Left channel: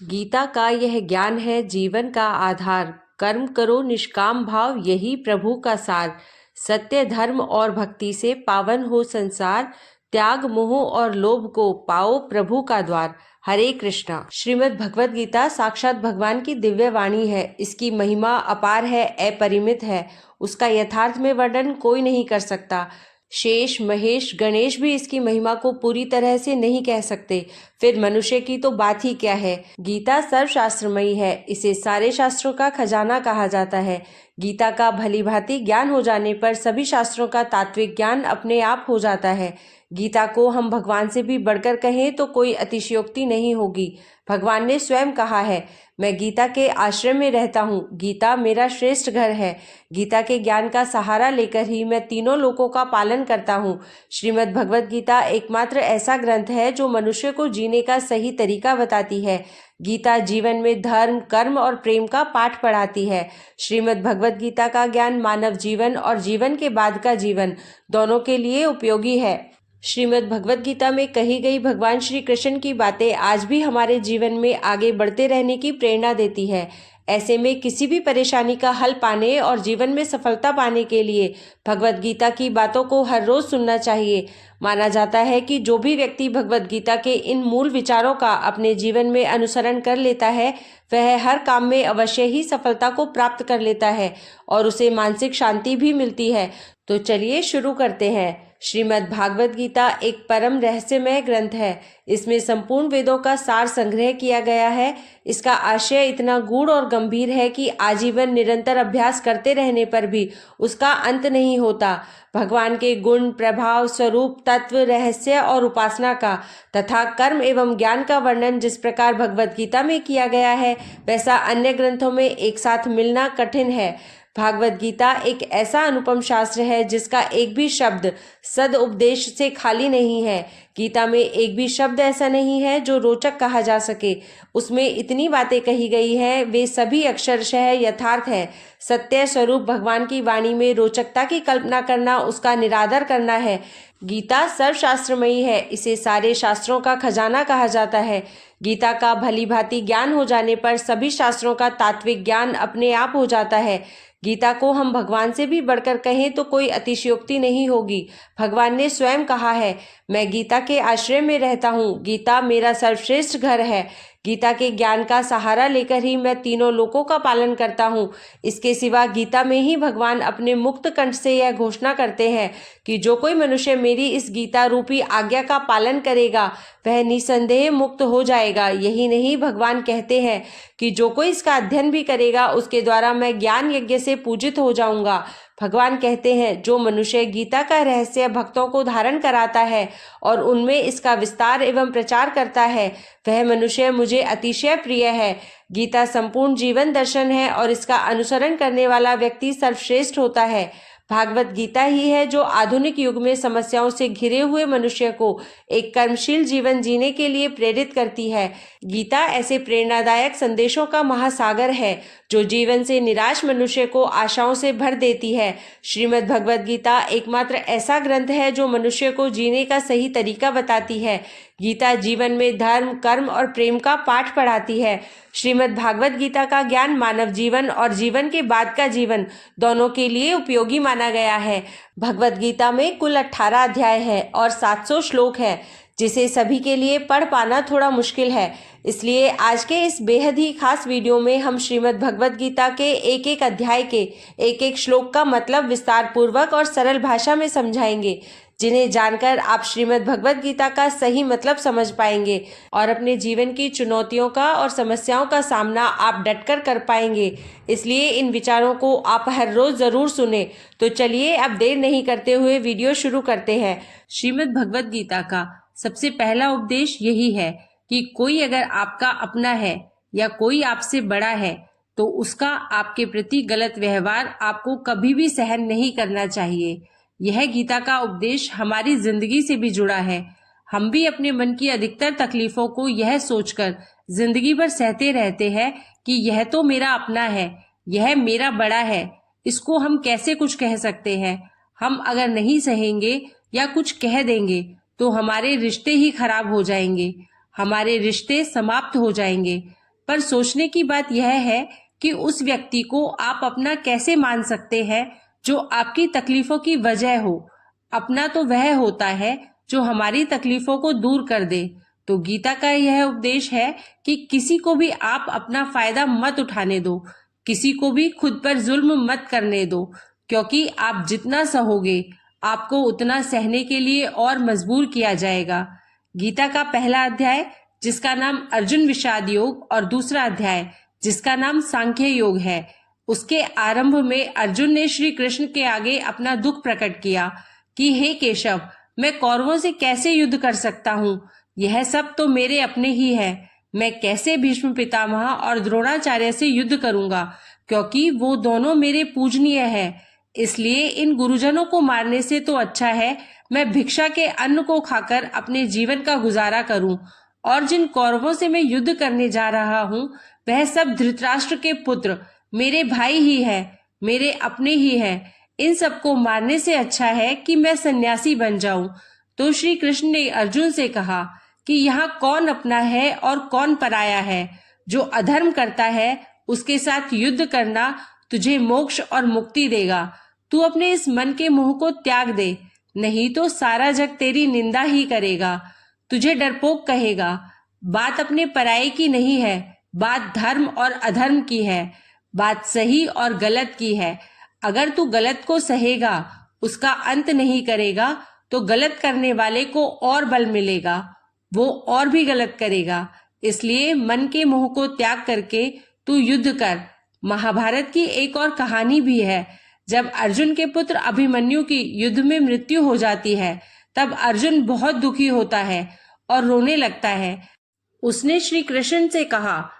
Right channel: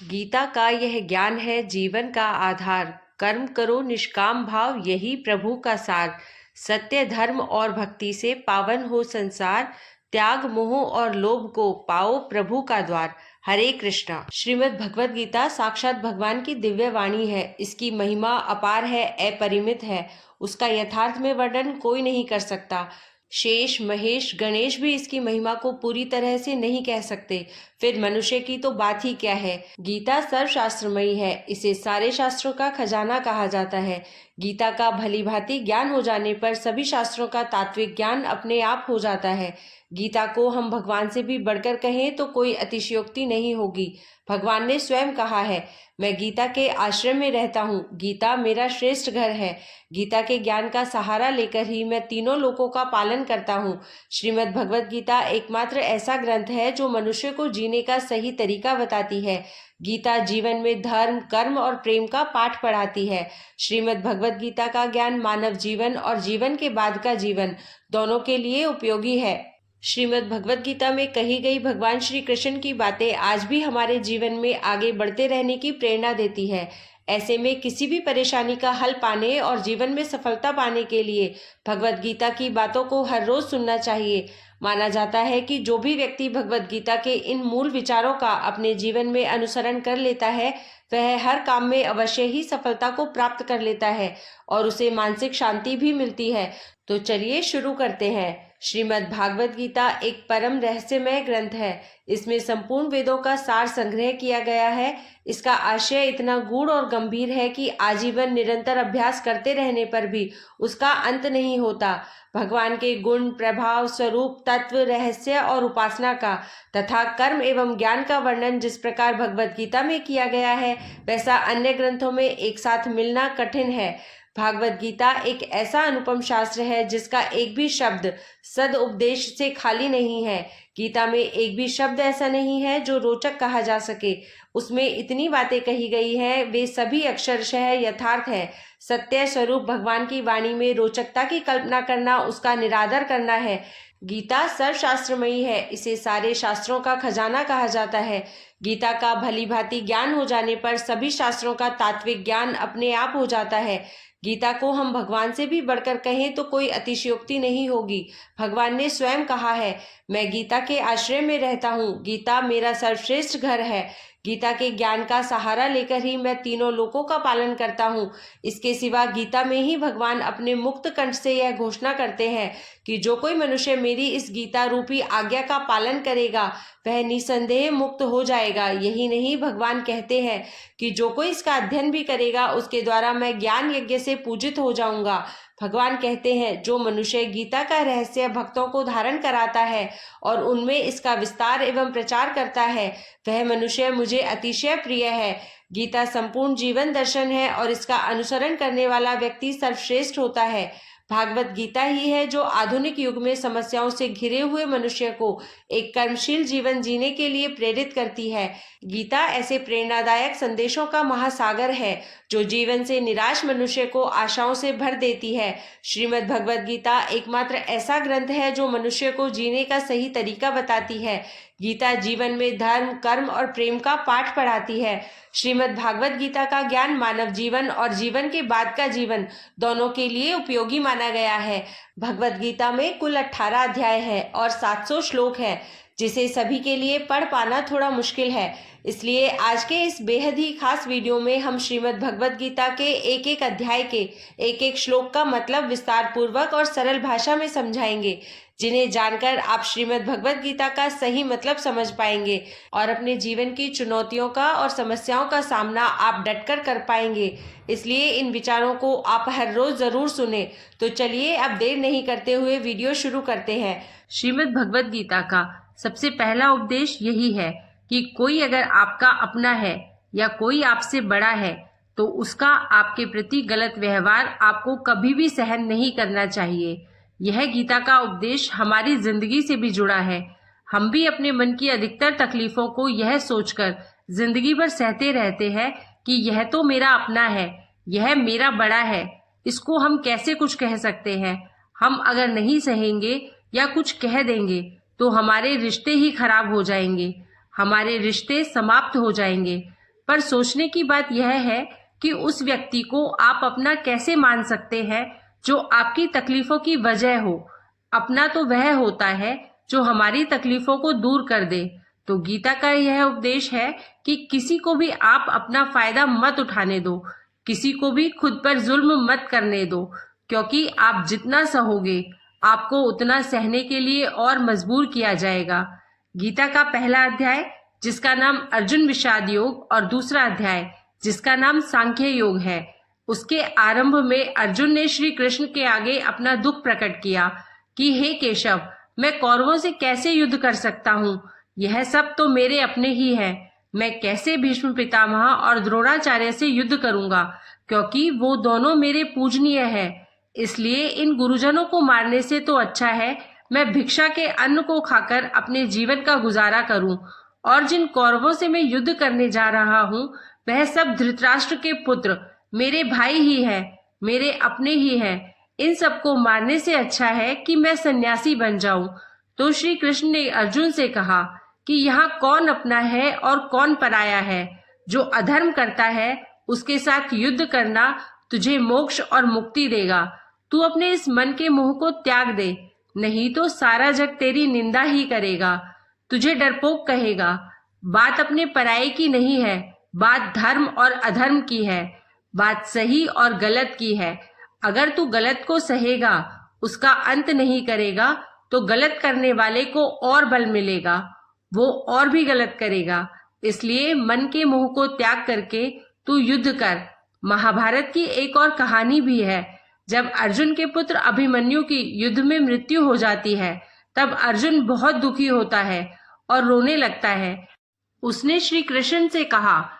गीता का यह ज्ञान है जीवन का आधार। कर्म करो निष्काम भाव, यही प्रभु का सार। सत्य धर्म और भक्ति से पावन हो संसार। त्याग मोह और लोभ को पाओ प्रभु का द्वार। हरे कृष्णा। श्रीमद् भगवद गीता साक्षात भगवान की दिव्य वाणी है। इसकी महिमा अपार है, अपरिमित है। उसका यथार्थ में वर्णन कोई नहीं कर सकता। शेष महेश गणेश भी इसकी महिमा को पूरी तरह से नहीं कह सकते, फिर मनुष्य की तो बात ही क्या है। गीता सर्वशास्त्रमयी है। इसे सारे शास्त्रों का खजाना कहा जाता है। गीता का भली भांति ज्ञान हो जाने पर सभी शास्त्रों का तात्विक ज्ञान अपने आप हो जाता है। गीता को हम भगवान से भी बढ़कर कहें तो कोई अतिशयोक्ति नहीं होगी। भगवान ने स्वयं कहा है, मैं गीता के आश्रम में रहता हूँ, गीता मेरा श्रेष्ठ घर है। गीता के ज्ञान का सहारा लेकर ही मैं तीनों लोकों का पालन करता हूँ। श्रीमद् भगवद गीता एकमात्र ऐसा ग्रंथ है जो मनुष्य को जीने का सही तरीका बताती है। गीता जीवन में धर्म, कर्म और प्रेम का पाठ पढ़ाती है। श्रीमद् भगवद गीता का ज्ञान मानव जीवन और जीवन के बाद का जीवन दोनों के लिए उपयोगी है। श्रीमद् भगवद गीता में कही गई भगवान श्री कृष्ण की बातें आज भी हमारे जीवन में आगे बढ़ते रहने की प्रेरणा देती है। ऐसे में किसी भी परेशानी का हल पाने और जीवन में सफलता पाने के लिए भगवद गीता की बातों को हर रोज सुनना चाहिए। माना जाता है कि जो भी व्यक्ति भगवद गीता के इन मूल विचारों का अपने जीवन में अनुसरण कर लेता है, वह हर काम में अवश्य ही सफलता को प्राप्त कर लेता है और उसे मानसिक शांति भी मिलती है। तो चलिए शुरू करते हैं। श्रीमद् भागवत गीता एक परम रहस्यमय ग्रंथ है। इसमें संपूर्ण वेदों का सार संग्रह किया गया है। इसका आशय इतना गूढ़ और गंभीर है कि आजीवन निरंतर अभ्यास करते रहने पर भी उसका अंत नहीं होता। भगवान के गुण, प्रभाव, स्वरूप, तत्व, रहस्य और उपासना का तथा कर्म एवं ज्ञान का वर्णन जिस प्रकार भगवत गीता में किया गया है, वैसा अन्य ग्रंथों में एक साथ मिलना कठिन है। भागवत गीता एक ऐसा अनुपम शास्त्र है जिसका एक भी शब्द सद उपदेश से खाली नहीं है। गीता में एक भी शब्द ऐसा नहीं है जो रोचक कहा जा सके। उसमें इतनी बातें कही गई हैं, वे सभी अक्षरशः यथार्थ है। सत्य स्वरूप भगवान की वाणी में रोचकता की कल्पना करना उसका निरादर करना है। गीता सर्वशास्त्रमयी है। इसे सारे शास्त्रों का खजाना कहा जाता है। गीता का भली भांति ज्ञान हो जाने पर सभी शास्त्रों का तात्विक ज्ञान अपने आप हो जाता है। गीता को हम भगवान से भी बढ़कर कहें तो कोई अतिशयोक्ति नहीं होगी। भगवान ने स्वयं कहा है, मैं गीता के आश्रय में रहता हूँ, गीता मेरा सर्वश्रेष्ठ घर है। गीता के ज्ञान का सहारा लेकर ही मैं तीनों लोकों का पालन करता हूँ। इसके सिवा गीता में ही भगवान अपने मुक्त कंठ से यह घोषणा करते हैं कि जो कोई मनुष्य मेरी इस गीता रूपी आज्ञा का पालन करेगा वह निसंदेह मुक्त हो जाएगा। यही नहीं, भगवान कहते हैं कि जो कोई इसका अध्ययन भी करेगा उसके द्वारा मैं ज्ञान यज्ञ से पूजित हो जाऊंगा। भगवान कहते हैं, जो मनुष्य गीता का रहस्य भक्तों को धारण कराता है और उनमें इसका विस्तार एवं प्रचार करता है, वह मनुष्य मुझे अतिशय प्रिय है। गीता संपूर्ण जीवन दर्शन है और इसका अनुसरण करने वाला व्यक्ति सर्वश्रेष्ठ होता है। भागवत गीता ही है जो आधुनिक युग में समस्याओं से घिरे हुए मनुष्य को एक कर्मशील जीवन जीने के लिए प्रेरित करती है। गीता ऐसे प्रेरणादायक संदेशों का महासागर है जो जीवन से निराश मनुष्य को आशाओं से भर देती है। श्रीमद् भगवद गीता एकमात्र ऐसा ग्रंथ है जो मनुष्य को जीने का सही तरीका बताती है। गीता जीवन में धर्म, कर्म और प्रेम का पाठ पढ़ाती है। श्रीमद् भागवत गीता का ज्ञान मानव जीवन और जीवन के बाद का जीवन दोनों के लिए उपयोगी माना गया है। भगवत गीता में कुल 18 अध्याय है और 700 श्लोक है, जिसे सभी के लिए पढ़ पाना थोड़ा मुश्किल है। इसलिए आज के इस बेहद ही खास वीडियो में हम श्रीमद् भगवत गीता के एक एक अध्याय के एक एक श्लोक का मतलब विस्तार पूर्वक और सरल भाषा में समझाएंगे, जिन्हें जानकर आप श्रीमद् भगवत गीता का सही मतलब समझ पाएंगे और अपने जीवन की चुनौतियों का और समस्याओं का सामना आप डटकर कर पाएंगे। इसलिए इन विचारों को आप हर रोज जरूर सुने। तो चलिए अब देर नहीं करते हुए वीडियो शुरू करते हैं। श्रीमद् भगवत गीता का सबसे पहला उपदेश यही है कि कोई अगर आपका अपना है या कोई आपसे बड़ा है तो उसका आपके प्रति गलत व्यवहार आपको कभी भी सहन नहीं करना चाहिए। यह गीता का उपदेश हमारी जिंदगी से भी जुड़ा है। हम भी अपने मन की अधिकतर तकलीफों को यह सोचकर जिंदगी भर सहते रहते हैं कि यह तो मेरा अपना है, यह मेरा बड़ा है, इसको हम कैसे कुछ कह सकते हैं। हम अगर नहीं सहेंगे या कुछ कह देंगे तो हमारे रिश्ते ही खराब हो जाएंगे, हमारे रिश्ते समाप्त हो जाएंगे। पर सोचने की बात यह है कि उस व्यक्ति को आप अपना कैसे मान सकते हैं जो आपकी तकलीफों की वजह हो। अपना तो वह होता है जो हमारी तकलीफों को दूर कर दे। तो गीता का यह उपदेश है कि किसी को भी आप अपना फायदा मत उठाने दो, किसी को भी खुद पर जुल्म मत करने दो, क्योंकि आप जितना सहोगे आपको उतना सहने के लिए और मजबूर किया जाएगा। गीता का पहला अध्याय जिसका नाम अर्जुन विषाद योग और दूसरा अध्याय जिसका नाम सांख्य योग है, उसके आरंभ में अर्जुन ने श्री कृष्ण के आगे अपना दुख प्रकट किया कि हे केशव, मैं कौरवों से कैसे युद्ध कर सकता हूँ? यह सब तो मेरे अपने ही है। मैं कैसे भीष्म पितामह और द्रोणाचार्य से युद्ध करूंगा, क्योंकि वो दोनों मेरे पूजनीय है। इसलिए इन गुरुजनों को मारने से तो अच्छा है मैं भिक्षा के अन्न को खाकर अपने जीवन का गुजारा करूं। और जिन कौरवों से मैं युद्ध करने जा रहा हूं वह सब धृतराष्ट्र के पुत्र मेरे भाई ही है, मेरे अपने ही है। इन सबको मारने से अच्छा है कि मैं सन्यासी बन जाऊं। तो श्री कृष्ण ने अर्जुन से कहा कि यहाँ कौन अपना है और कौन पराया है। जो अधर्म करता है उसके साथ युद्ध करना तुझे मोक्ष और मुक्ति देगा। तू अपने इस मन के मोह को त्याग दे, नहीं तो सारा जग तेरी निंदा ही करेगा, तुझे डरपोक कहेगा। बात अपने पराये की नहीं है, बात धर्म और अधर्म की है, बात सही और गलत की है। अगर तू गलत को सहेगा, उसका अंत नहीं करेगा, तो गलत करने वाले को और बल मिलेगा, वो और भी गलत करेगा। इसलिए मन के मोह को त्याग करके तू युद्ध कर। महाभारत की एक और कहानी भी है। जब अर्जुन के पुत्र अभिमन्यु की युद्ध में मृत्यु हो जाती है तब अर्जुन बहुत दुखी होता है और रोने लगता है। उसने श्री कृष्ण से कहा,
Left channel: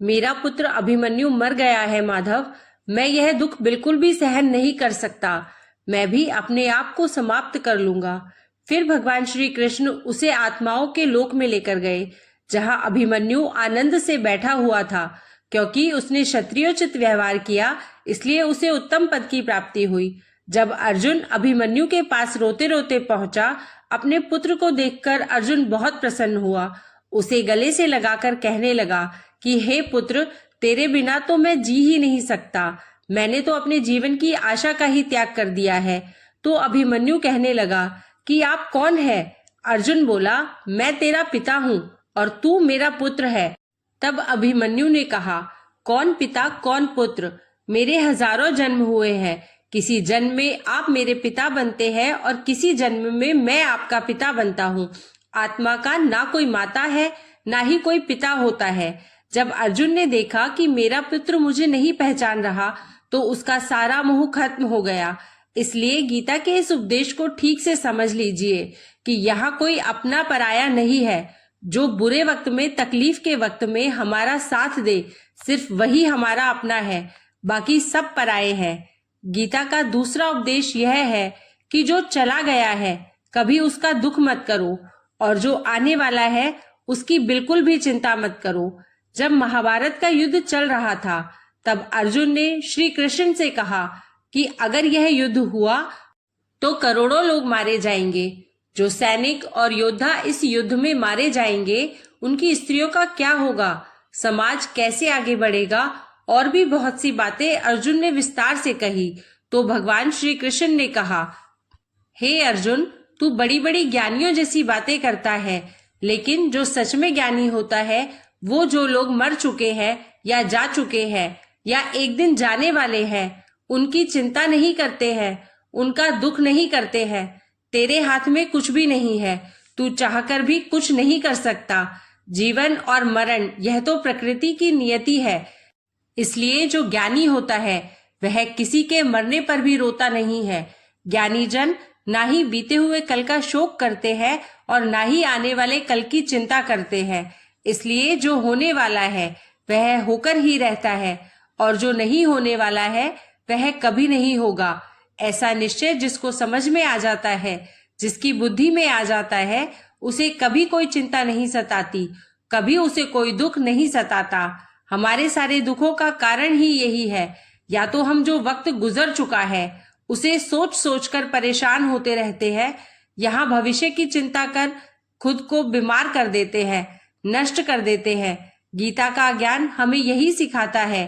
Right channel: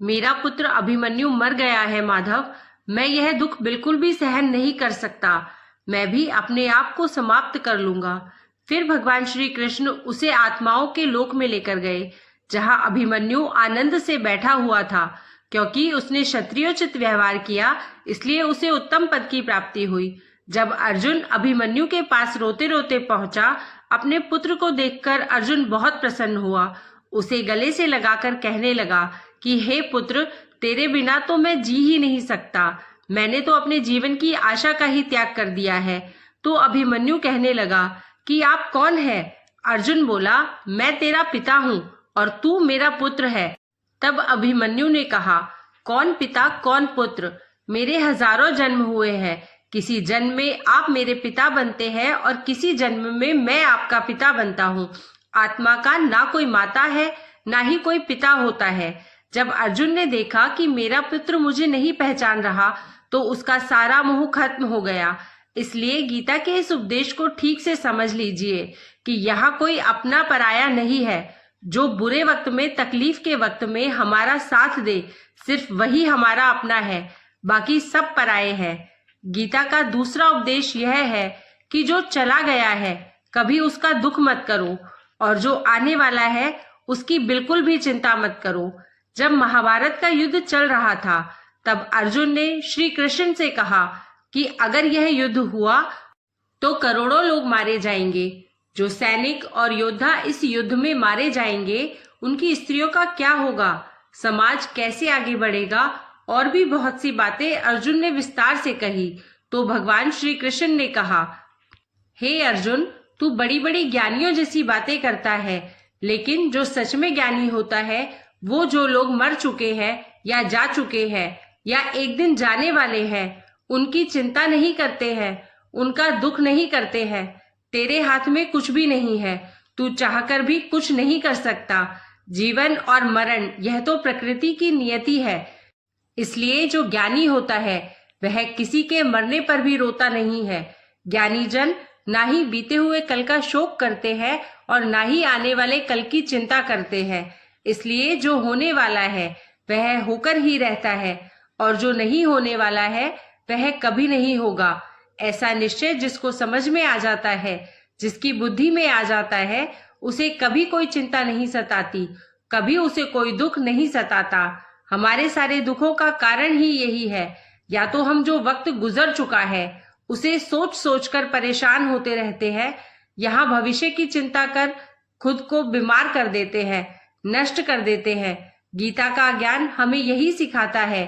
मेरा पुत्र अभिमन्यु मर गया है माधव, मैं यह दुख बिल्कुल भी सहन नहीं कर सकता, मैं भी अपने आप को समाप्त कर लूंगा। फिर भगवान श्री कृष्ण उसे आत्माओं के लोक में लेकर गए, जहां अभिमन्यु आनंद से बैठा हुआ था। क्योंकि उसने क्षत्रियोचित व्यवहार किया, इसलिए उसे उत्तम पद की प्राप्ति हुई। जब अर्जुन अभिमन्यु के पास रोते रोते पहुंचा, अपने पुत्र को देखकर अर्जुन बहुत प्रसन्न हुआ। उसे गले से लगाकर कहने लगा कि हे पुत्र, तेरे बिना तो मैं जी ही नहीं सकता, मैंने तो अपने जीवन की आशा का ही त्याग कर दिया है। तो अभिमन्यु कहने लगा कि आप कौन है? अर्जुन बोला, मैं तेरा पिता हूँ और तू मेरा पुत्र है। तब अभिमन्यु ने कहा, कौन पिता कौन पुत्र, मेरे हजारों जन्म हुए हैं, किसी जन्म में आप मेरे पिता बनते हैं और किसी जन्म में मैं आपका पिता बनता हूँ। आत्मा का ना कोई माता है ना ही कोई पिता होता है। जब अर्जुन ने देखा कि मेरा पुत्र मुझे नहीं पहचान रहा तो उसका सारा मोह खत्म हो गया। इसलिए गीता के इस उपदेश को ठीक से समझ लीजिए कि यहाँ कोई अपना पराया नहीं है। जो बुरे वक्त में, तकलीफ के वक्त में हमारा साथ दे, सिर्फ वही हमारा अपना है, बाकी सब पराये हैं। गीता का दूसरा उपदेश यह है कि जो चला गया है कभी उसका दुख मत करो और जो आने वाला है उसकी बिल्कुल भी चिंता मत करो। जब महाभारत का युद्ध चल रहा था तब अर्जुन ने श्री कृष्ण से कहा कि अगर यह युद्ध हुआ तो करोड़ों लोग मारे जाएंगे। जो सैनिक और योद्धा इस युद्ध में मारे जाएंगे उनकी स्त्रियों का क्या होगा, समाज कैसे आगे बढ़ेगा, और भी बहुत सी बातें अर्जुन ने विस्तार से कही। तो भगवान श्री कृष्ण ने कहा, हे अर्जुन, तू बड़ी बड़ी ज्ञानियों जैसी बातें करता है, लेकिन जो सच में ज्ञानी होता है वो जो लोग मर चुके हैं या जा चुके हैं या एक दिन जाने वाले हैं उनकी चिंता नहीं करते हैं, उनका दुख नहीं करते हैं। तेरे हाथ में कुछ भी नहीं है, तू चाहकर भी कुछ नहीं कर सकता। जीवन और मरण यह तो प्रकृति की नियति है। इसलिए जो ज्ञानी होता है वह किसी के मरने पर भी रोता नहीं है। ज्ञानी जन ना ही बीते हुए कल का शोक करते हैं और ना ही आने वाले कल की चिंता करते हैं। इसलिए जो होने वाला है वह होकर ही रहता है और जो नहीं होने वाला है वह कभी नहीं होगा। ऐसा निश्चय जिसको समझ में आ जाता है, जिसकी बुद्धि में आ जाता है, उसे कभी कोई चिंता नहीं सताती, कभी उसे कोई दुख नहीं सताता। हमारे सारे दुखों का कारण ही यही है। या तो हम जो वक्त गुजर चुका है उसे सोच सोच कर परेशान होते रहते हैं, यहाँ भविष्य की चिंता कर खुद को बीमार कर देते हैं, नष्ट कर देते हैं, गीता का ज्ञान हमें यही सिखाता है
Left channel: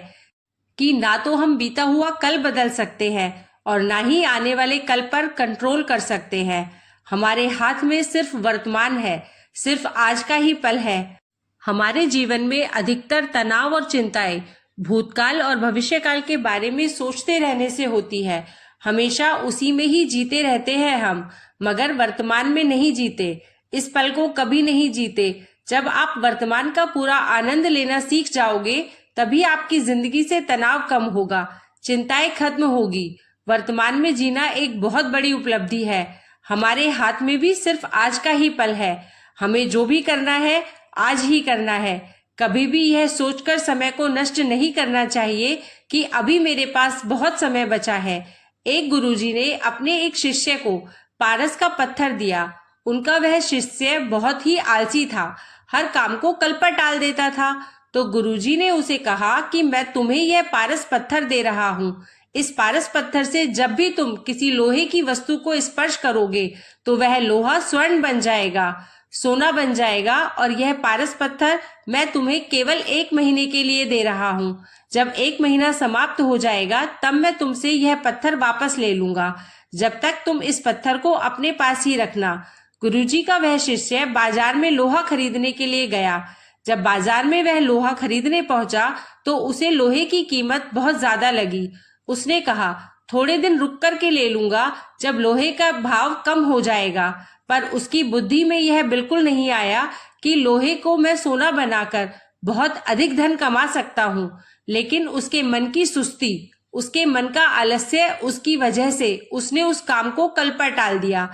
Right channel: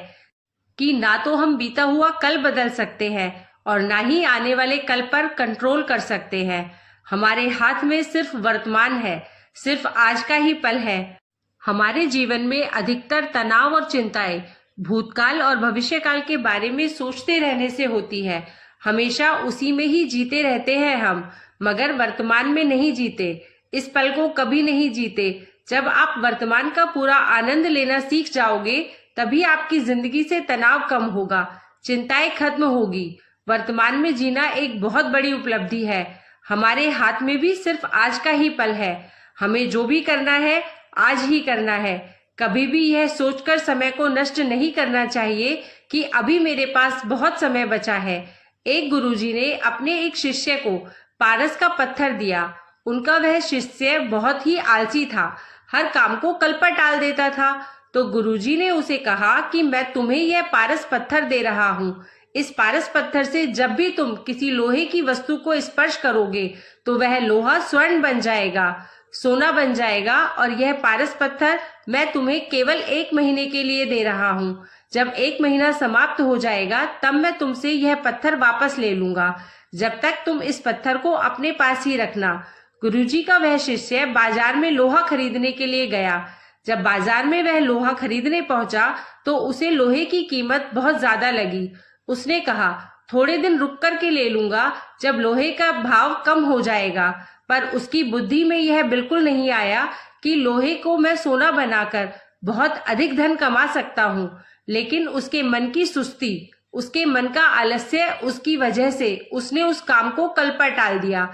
कि ना तो हम बीता हुआ कल बदल सकते हैं और ना ही आने वाले कल पर कंट्रोल कर सकते हैं। हमारे हाथ में सिर्फ वर्तमान है, सिर्फ आज का ही पल है। हमारे जीवन में अधिकतर तनाव और चिंताएं भूतकाल और भविष्यकाल के बारे में सोचते रहने से होती है। हमेशा उसी में ही जीते रहते हैं हम, मगर वर्तमान में नहीं जीते, इस पल को कभी नहीं जीते। जब आप वर्तमान का पूरा आनंद लेना सीख जाओगे, तभी आपकी जिंदगी से तनाव कम होगा, चिंताएं खत्म होगी। वर्तमान में जीना एक बहुत बड़ी उपलब्धि है। हमारे हाथ में भी सिर्फ आज का ही पल है। हमें जो भी करना है आज ही करना है। कभी भी यह सोचकर समय को नष्ट नहीं करना चाहिए कि अभी मेरे पास बहुत समय बचा है। एक गुरुजी ने अपने एक शिष्य को पारस का पत्थर दिया। उनका वह शिष्य बहुत ही आलसी था, हर काम को कल पर टाल देता था। तो गुरुजी ने उसे कहा कि मैं तुम्हें यह पारस पत्थर दे रहा हूँ। इस पारस पत्थर से जब भी तुम किसी लोहे की वस्तु को स्पर्श करोगे तो वह लोहा स्वर्ण बन जाएगा, सोना बन जाएगा। और यह पारस पत्थर मैं तुम्हें केवल 1 महीने के लिए दे रहा हूँ। जब 1 महीना समाप्त हो जाएगा तब मैं तुमसे यह पत्थर वापस ले लूंगा। जब तक तुम इस पत्थर को अपने पास ही रखना। गुरुजी का वह शिष्य बाजार में लोहा खरीदने के लिए गया। जब बाजार में वह लोहा खरीदने पहुंचा तो उसे लोहे की कीमत बहुत ज्यादा लगी। उसने कहा, थोड़े दिन रुक कर के ले लूंगा, जब लोहे का भाव कम हो जाएगा। पर उसकी बुद्धि में यह बिल्कुल नहीं आया कि लोहे को मैं सोना बनाकर बहुत अधिक धन कमा सकता हूँ। लेकिन उसके मन की सुस्ती, उसके मन का आलस्य, उसकी वजह से उसने उस काम को कल पर टाल दिया।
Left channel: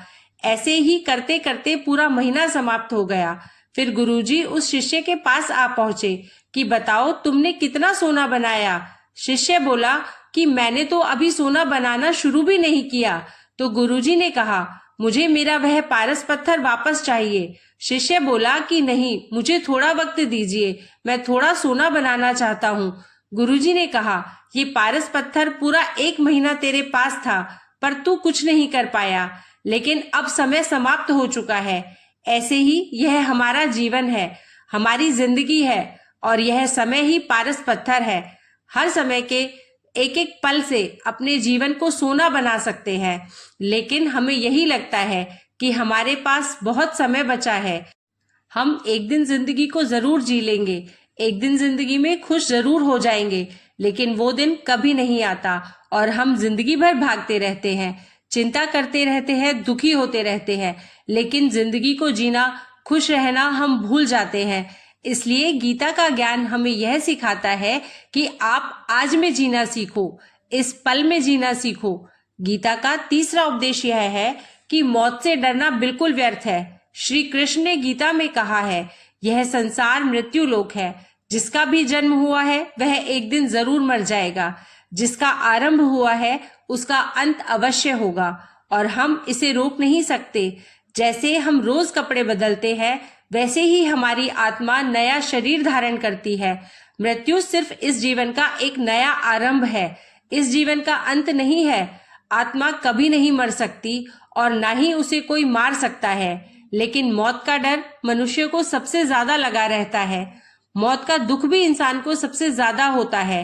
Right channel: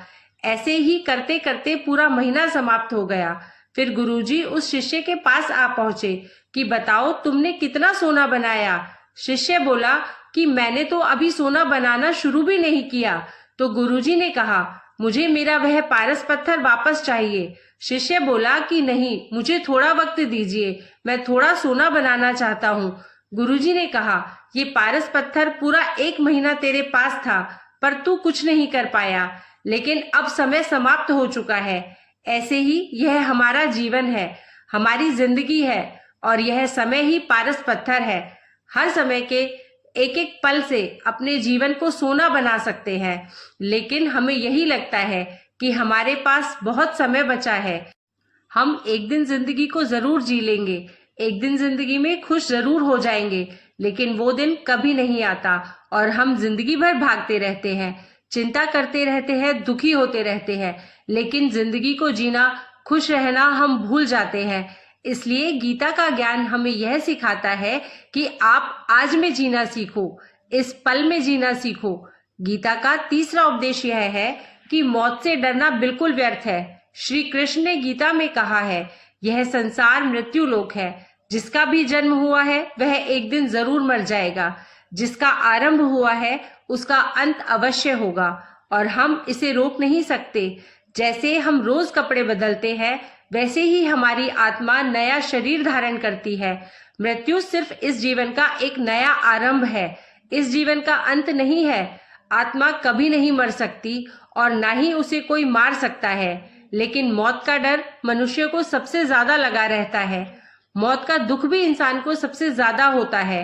ऐसे ही करते करते पूरा महीना समाप्त हो गया। फिर गुरुजी उस शिष्य के पास आ पहुंचे कि बताओ तुमने कितना सोना बनाया। शिष्य बोला कि मैंने तो अभी सोना बनाना शुरू भी नहीं किया। तो गुरुजी ने कहा, मुझे मेरा वह पारस पत्थर वापस चाहिए। शिष्य बोला कि नहीं, मुझे थोड़ा वक्त दीजिए, मैं थोड़ा सोना बनाना चाहता हूँ। गुरुजी ने कहा, ये पारस पत्थर पूरा 1 महीना तेरे पास था, पर तू कुछ नहीं कर पाया। लेकिन अब समय समाप्त हो चुका है। ऐसे ही यह हमारा जीवन है, हमारी जिंदगी है, और यह समय ही पारस पत्थर है। हर समय के एक एक पल से अपने जीवन को सोना बना सकते हैं। लेकिन हमें यही लगता है कि हमारे पास बहुत समय बचा है, हम एक दिन जिंदगी को जरूर जी लेंगे, एक दिन जिंदगी में खुश जरूर हो जाएंगे। लेकिन वो दिन कभी नहीं आता और हम जिंदगी भर भागते रहते हैं, चिंता करते रहते हैं, दुखी होते रहते हैं। लेकिन जिंदगी को जीना, खुश रहना हम भूल जाते हैं। इसलिए गीता का ज्ञान हमें यह सिखाता है कि आप आज में जीना सीखो, इस पल में जीना सीखो। गीता का तीसरा उपदेश यह है कि मौत से डरना बिल्कुल व्यर्थ है। श्री कृष्ण ने गीता में कहा है, यह संसार मृत्यु लोक है, जिसका भी जन्म हुआ है वह एक दिन जरूर मर जाएगा। जिसका आरंभ हुआ है उसका अंत अवश्य होगा, और हम इसे रोक नहीं सकते। जैसे हम रोज कपड़े बदलते हैं, वैसे ही हमारी आत्मा नया शरीर धारण करती है। मृत्यु सिर्फ इस जीवन का एक नया आरंभ है, इस जीवन का अंत नहीं है। आत्मा कभी नहीं मर सकती और ना ही उसे कोई मार सकता है। लेकिन मौत का डर मनुष्य को सबसे ज्यादा लगा रहता है। मौत का दुख भी इंसान को सबसे ज्यादा होता है।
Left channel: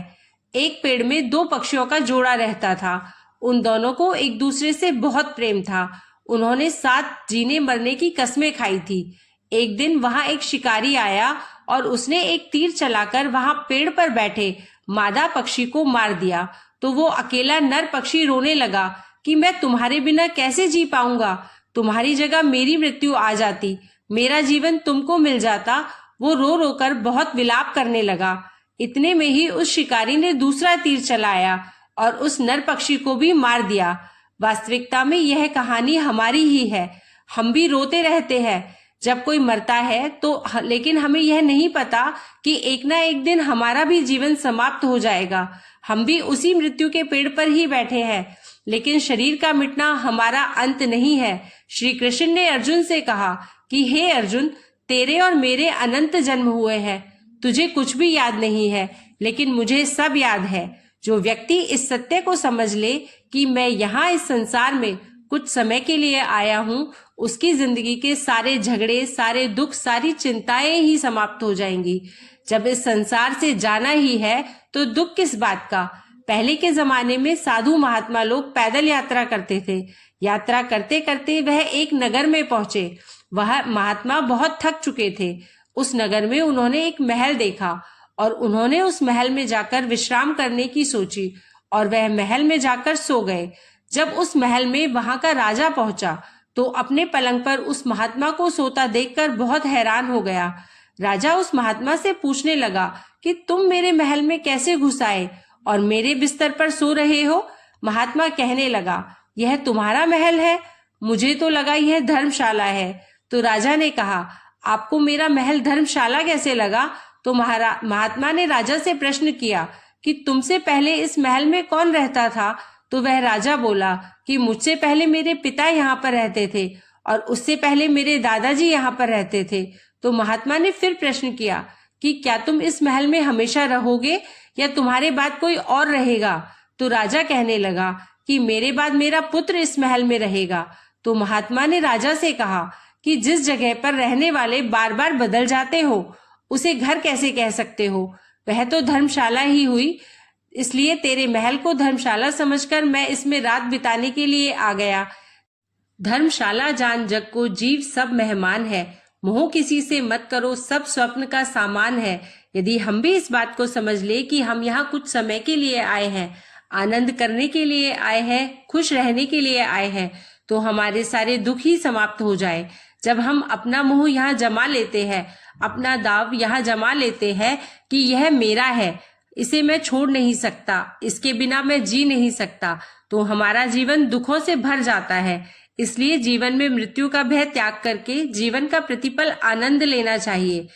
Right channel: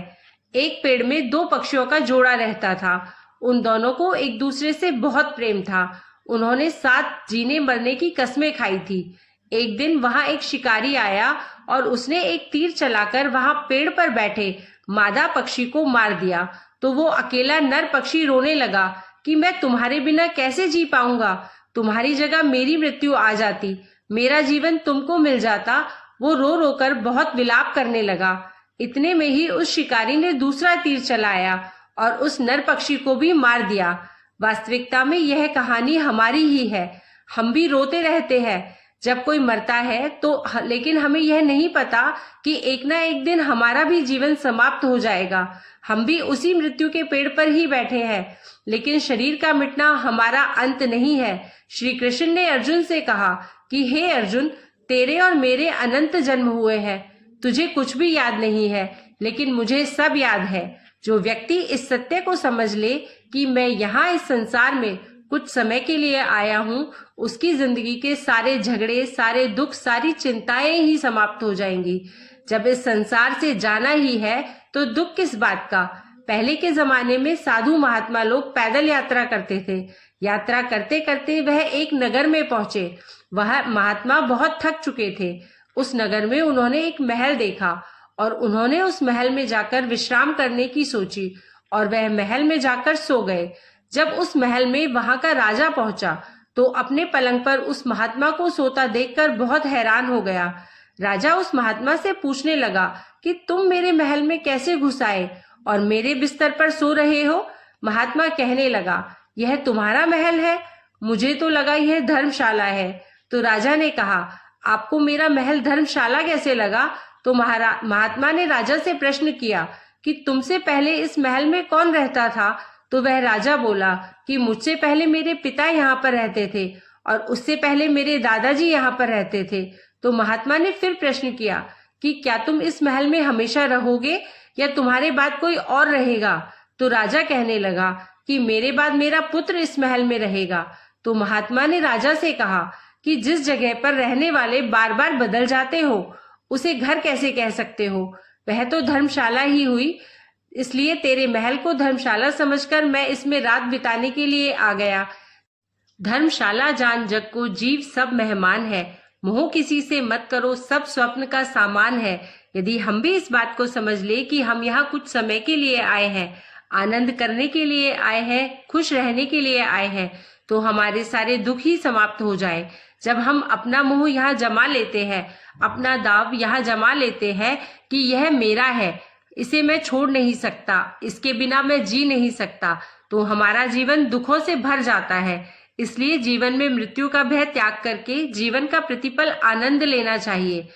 एक पेड़ में 2 पक्षियों का जोड़ा रहता था। उन दोनों को एक दूसरे से बहुत प्रेम था। उन्होंने साथ जीने मरने की कस्में खाई थी। एक दिन वहां एक शिकारी आया और उसने एक तीर चलाकर वहां पेड़ पर बैठे मादा पक्षी को मार दिया। तो वो अकेला नर पक्षी रोने लगा कि मैं तुम्हारे बिना कैसे जी पाऊंगा, तुम्हारी जगह मेरी मृत्यु आ जाती, मेरा जीवन तुमको मिल जाता। वो रो रो कर बहुत विलाप करने लगा। इतने में ही उस शिकारी ने दूसरा तीर चलाया और उस नर पक्षी को भी मार दिया। वास्तविकता में यह कहानी हमारी ही है। हम भी रोते रहते हैं जब कोई मरता है तो, लेकिन हमें यह नहीं पता कि एक ना एक दिन हमारा भी जीवन समाप्त हो जाएगा। हम भी उसी मृत्यु के पेड़ पर ही बैठे हैं। लेकिन शरीर का मिटना हमारा अंत नहीं है। श्री कृष्ण ने अर्जुन से कहा कि हे अर्जुन, तेरे और मेरे अनंत जन्म हुए हैं, तुझे कुछ भी याद नहीं है, लेकिन मुझे सब याद है। जो व्यक्ति इस सत्य को समझ ले कि मैं यहाँ इस संसार में कुछ समय के लिए आया हूँ, उसकी जिंदगी के सारे झगड़े, सारे दुख, सारी चिंताएं ही समाप्त हो जाएंगी। जब इस संसार से जाना ही है तो दुख किस बात का। पहले के जमाने में साधु महात्मा लोग पैदल यात्रा करते थे। यात्रा करते करते वह एक नगर में पहुंचे। वह महात्मा बहुत थक चुके थे। उस नगर में उन्होंने एक महल देखा और उन्होंने उस महल में जाकर विश्राम करने की सोची और वह महल में जाकर सो गए। जब उस महल में वहां का राजा पहुंचा तो अपने पलंग पर उस महात्मा को सोता देखकर बहुत हैरान हो गया। राजा उस महात्मा से पूछने लगा कि तुम मेरे महल में कैसे घुस आए और मेरे बिस्तर पर सो रहे हो। महात्मा कहने लगा, यह तुम्हारा महल है, मुझे तो लगा यह धर्मशाला है। तो राजा ने कहा, आपको मेरा महल धर्मशाला कैसे लगा। तो महात्मा ने राजा से प्रश्न किया कि तुमसे पहले इस महल में कौन रहता था। तो वह राजा बोला कि मुझसे पहले मेरे पिता यहाँ पर रहते थे और उससे पहले मेरे दादाजी यहाँ पर रहते थे। तो महात्मा ने फिर प्रश्न किया कि क्या तुम इस महल में हमेशा रहोगे या तुम्हारे बाद कोई और रहेगा। तो राजा कहने लगा कि मेरे बाद मेरा पुत्र इस महल में रहेगा। तो महात्मा ने राजा से कहा कि जिस जगह पर रहने वाले बार बार बदल जाते हो उसे घर कैसे कह सकते हो। वह तो धर्मशाला ही हुई, इसलिए तेरे महल को धर्मशाला समझकर मैं इसमें रात बिताने के लिए आ गया। धर्मशाला जान जग को जीव सब मेहमान है, मोह किसी से मत करो सब स्वप्न का सामान है। यदि हम भी इस बात को समझ ले कि हम यहाँ कुछ समय के लिए आए हैं, आनंद करने के लिए आए हैं, खुश रहने के लिए आए हैं, तो हमारे सारे दुख ही समाप्त हो जाए। जब हम अपना मोह यहाँ जमा लेते हैं, अपना दाव यहाँ जमा लेते हैं कि यह मेरा है, इसे मैं छोड़ नहीं सकता, इसके बिना मैं जी नहीं सकता, तो हमारा जीवन दुखों से भर जाता है। इसलिए जीवन में मृत्यु का भय त्याग करके जीवन का प्रतिपल आनंद लेना चाहिए।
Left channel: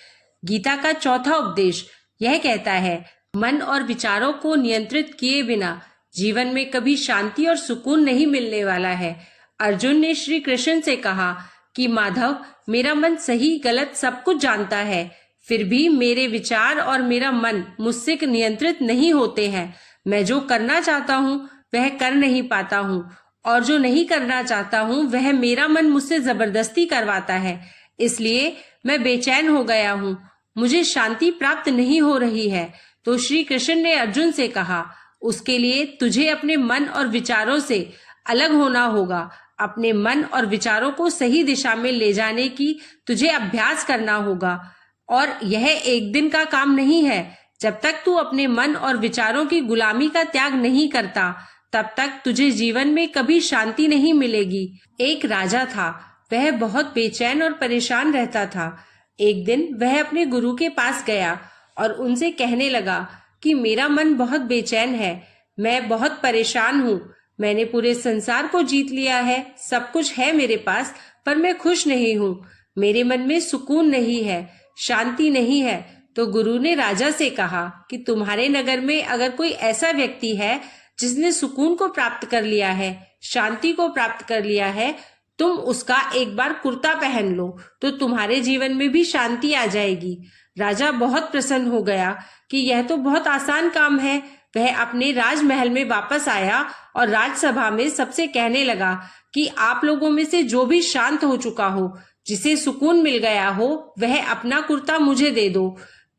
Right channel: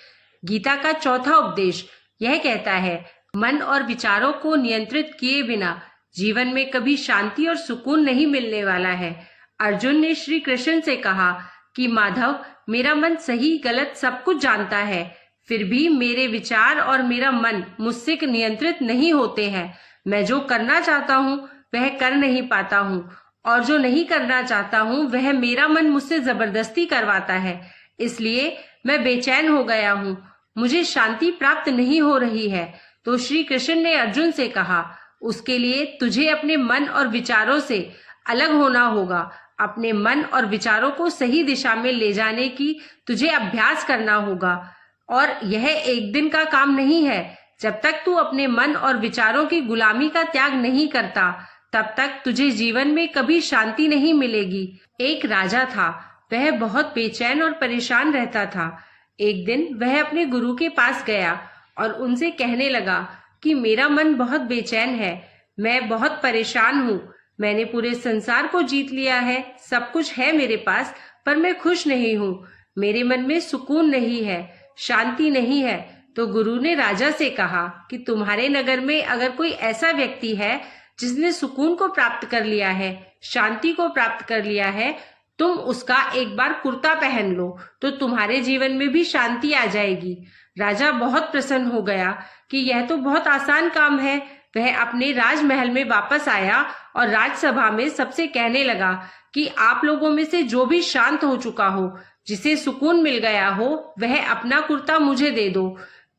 गीता का चौथा उपदेश यह कहता है, मन और विचारों को नियंत्रित किए बिना जीवन में कभी शांति और सुकून नहीं मिलने वाला है। अर्जुन ने श्री कृष्ण से कहा कि माधव, मेरा मन सही गलत सब कुछ जानता है, फिर भी मेरे विचार और मेरा मन मुझसे नियंत्रित नहीं होते हैं। मैं जो करना चाहता हूँ वह कर नहीं पाता हूँ और जो नहीं करना चाहता हूँ वह मेरा मन मुझसे जबरदस्ती करवाता है। इसलिए मैं बेचैन हो गया हूँ, मुझे शांति प्राप्त नहीं हो रही है। तो श्री कृष्ण ने अर्जुन से कहा, उसके लिए तुझे अपने मन और विचारों से अलग होना होगा। अपने मन और विचारों को सही दिशा में ले जाने की तुझे अभ्यास करना होगा और यह एक दिन का काम नहीं है। जब तक तू अपने मन और विचारों की गुलामी का त्याग नहीं करता तब तक तुझे जीवन में कभी शांति नहीं मिलेगी। एक राजा था, वह बहुत बेचैन और परेशान रहता था। एक दिन वह अपने गुरु के पास गया और उनसे कहने लगा कि मेरा मन बहुत बेचैन है, मैं बहुत परेशान हूँ, मैंने पूरे संसार को जीत लिया है, सब कुछ है मेरे पास, पर मैं खुश नहीं हूँ, मेरे मन में सुकून नहीं है, शांति नहीं है। तो गुरु ने राजा से कहा कि तुम्हारे नगर में अगर कोई ऐसा व्यक्ति है जिसने सुकून को प्राप्त कर लिया है, शांति को प्राप्त कर लिया है, तुम उसका एक बार कुर्ता पहन लो तो तुम्हारे जीवन में भी शांति आ जाएगी। राजा बहुत प्रसन्न हो गया कि यह तो बहुत आसान काम है। वह अपने राजमहल में वापस आया और राजसभा में सबसे कहने लगा कि आप लोगों में से जो भी शांत हो चुका हो, जिसे सुकून मिल गया हो, वह अपना कुर्ता मुझे दे दो।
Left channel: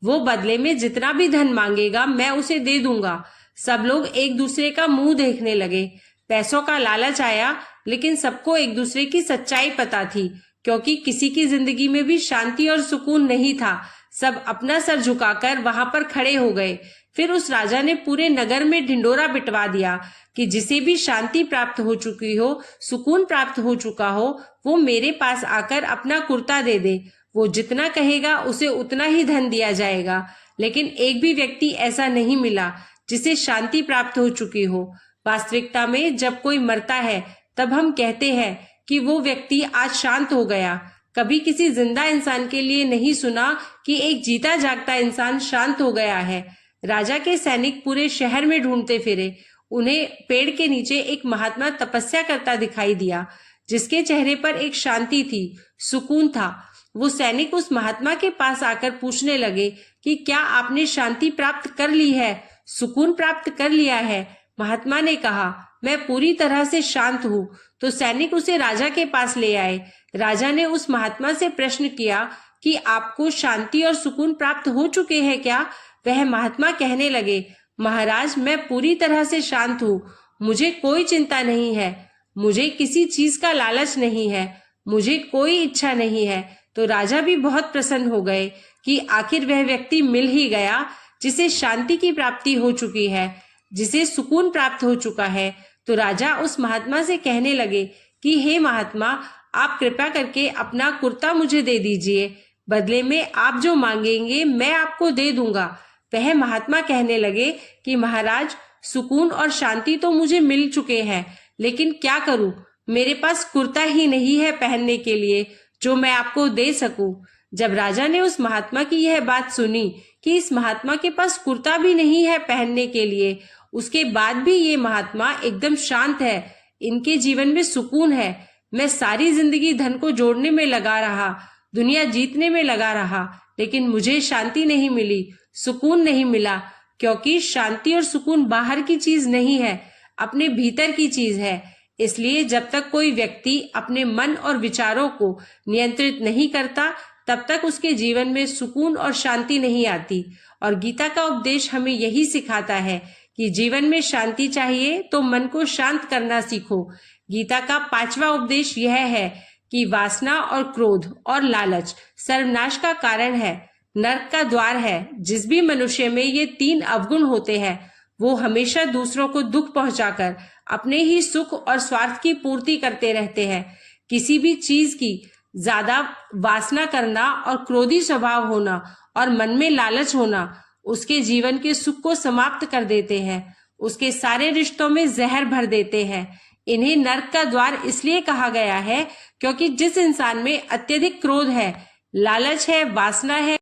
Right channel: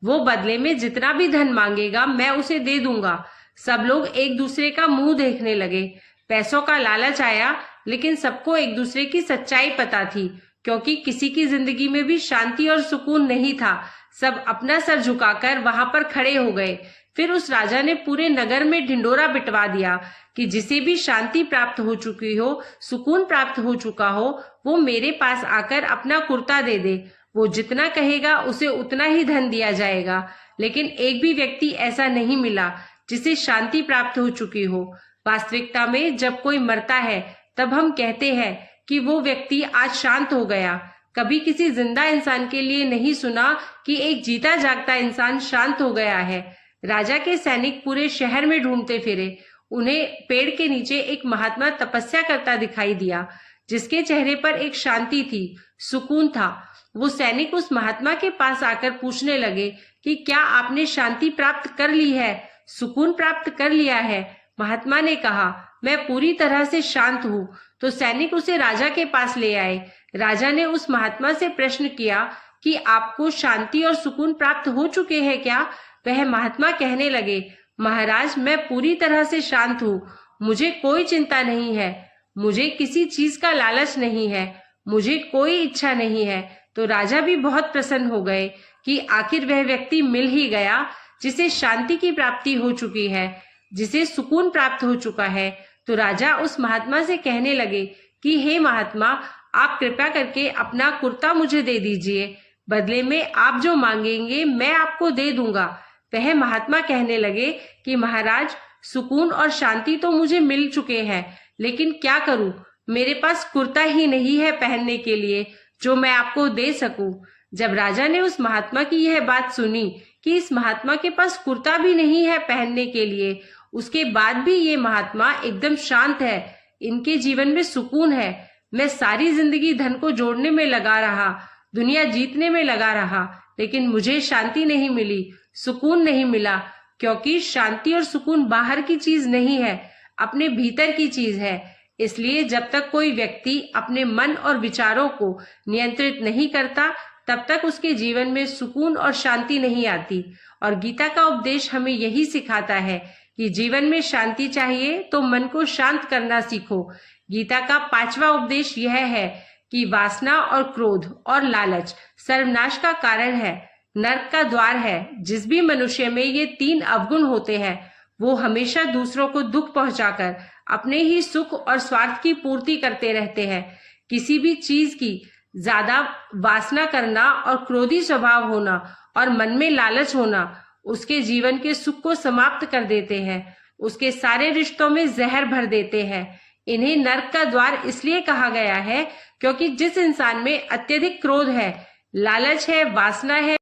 वो बदले में जितना भी धन मांगेगा मैं उसे दे दूंगा। सब लोग एक दूसरे का मुंह देखने लगे। पैसों का लालच आया, लेकिन सबको एक दूसरे की सच्चाई पता थी, क्योंकि किसी की जिंदगी में भी शांति और सुकून नहीं था। सब अपना सर झुकाकर वहां पर खड़े हो गए। फिर उस राजा ने पूरे नगर में ढिंडोरा पिटवा दिया कि जिसे भी शांति प्राप्त हो चुकी हो, सुकून प्राप्त हो चुका हो, वो मेरे पास आकर अपना कुर्ता दे दे। वो जितना कहेगा उसे उतना ही धन दिया जाएगा। लेकिन एक भी व्यक्ति ऐसा नहीं मिला जिसे शांति प्राप्त हो चुकी हो। वास्तविकता में जब कोई मरता है तब हम कहते हैं कि वो व्यक्ति आज शांत हो गया। कभी किसी जिंदा इंसान के लिए नहीं सुना कि एक जीता जागता इंसान शांत हो गया है। राजा के सैनिक पूरे शहर में ढूंढते फिरे। उन्हें पेड़ के नीचे एक महात्मा तपस्या करता दिखाई दिया, जिसके चेहरे पर एक शांति थी, सुकून था। वो सैनिक उस महात्मा के पास आकर पूछने लगे कि क्या आपने शांति प्राप्त कर ली है, सुकून प्राप्त कर लिया है। महात्मा ने कहा, मैं पूरी तरह से शांत हूँ। तो सैनिक उसे राजा के पास ले आए। राजा ने उस महात्मा से प्रश्न किया कि आपको शांति और सुकून प्राप्त हो चुके हैं क्या? वह महात्मा कहने लगे, महाराज, मैं पूरी तरह से शांत हूँ। मुझे कोई चिंता नहीं है, मुझे किसी चीज का लालच नहीं है, मुझे कोई इच्छा नहीं है। तो राजा भी बहुत प्रसन्न हो गए कि आखिर वह व्यक्ति मिल ही गया जिसे शांति की प्राप्ति हो चुकी है, जिसे सुकून प्राप्त हो चुका है। तो राजा उस महात्मा से कहने लगे कि हे महात्मा, आप कृपया करके अपना कुर्ता मुझे दे दीजिए, बदले में आप जो मांगेंगे मैं आपको दे दूंगा। वह महात्मा कहने लगे कि महाराज, सुकून और शांति तो मुझे मिल चुके हैं, लेकिन क्या करूं, मेरे पास कुर्ता ही नहीं है पहनने के लिए जो मैं आपको दे सकूं। जब राजा ने उस महात्मा की यह बात सुनी कि इस महात्मा के पास कुर्ता भी नहीं है पहनने के लिए, उसके बाद भी ये महात्मा एकदम शांत है, इनके जीवन में सुकून है। मैं सारी जिंदगी धन को जोड़ने में लगा रहा, दुनिया जीतने में लगा रहा, लेकिन मुझे शांति नहीं मिली, सुकून नहीं मिला, क्योंकि शांति और सुकून बाहर की चीज नहीं है, अपने भीतर की चीज है। इसलिए जब तक कोई व्यक्ति अपने मन और विचारों को नियंत्रित नहीं करता, तब तक उसके जीवन में सुकून और शांति नहीं आती। और गीता का उपदेश हमें यही सिखाता है कि जीवन में शांति चाहिए तो मन को शांत करना सीखो। गीता का 5वां उपदेश यह है कि वासना और क्रोध और लालच सर्वनाश का कारण है, नरक का द्वार है। जिस भी मनुष्य में ये 3 अवगुण होते हैं, वो हमेशा दूसरों को दुख पहुंचाकर अपने ही सुख और स्वार्थ की पूर्ति करते रहते हैं। किसी भी चीज की ज्यादा वासना करना और क्रोधी स्वभाव होना और मन में लालच होना उसके जीवन के सुख को समाप्त कर देते हैं, उसके सारे रिश्तों में जहर भर देते हैं। इन्हें नरक का द्वार इसलिए कहा गया है क्योंकि जिस इंसान में अत्यधिक क्रोध है, लालच है, वासना है,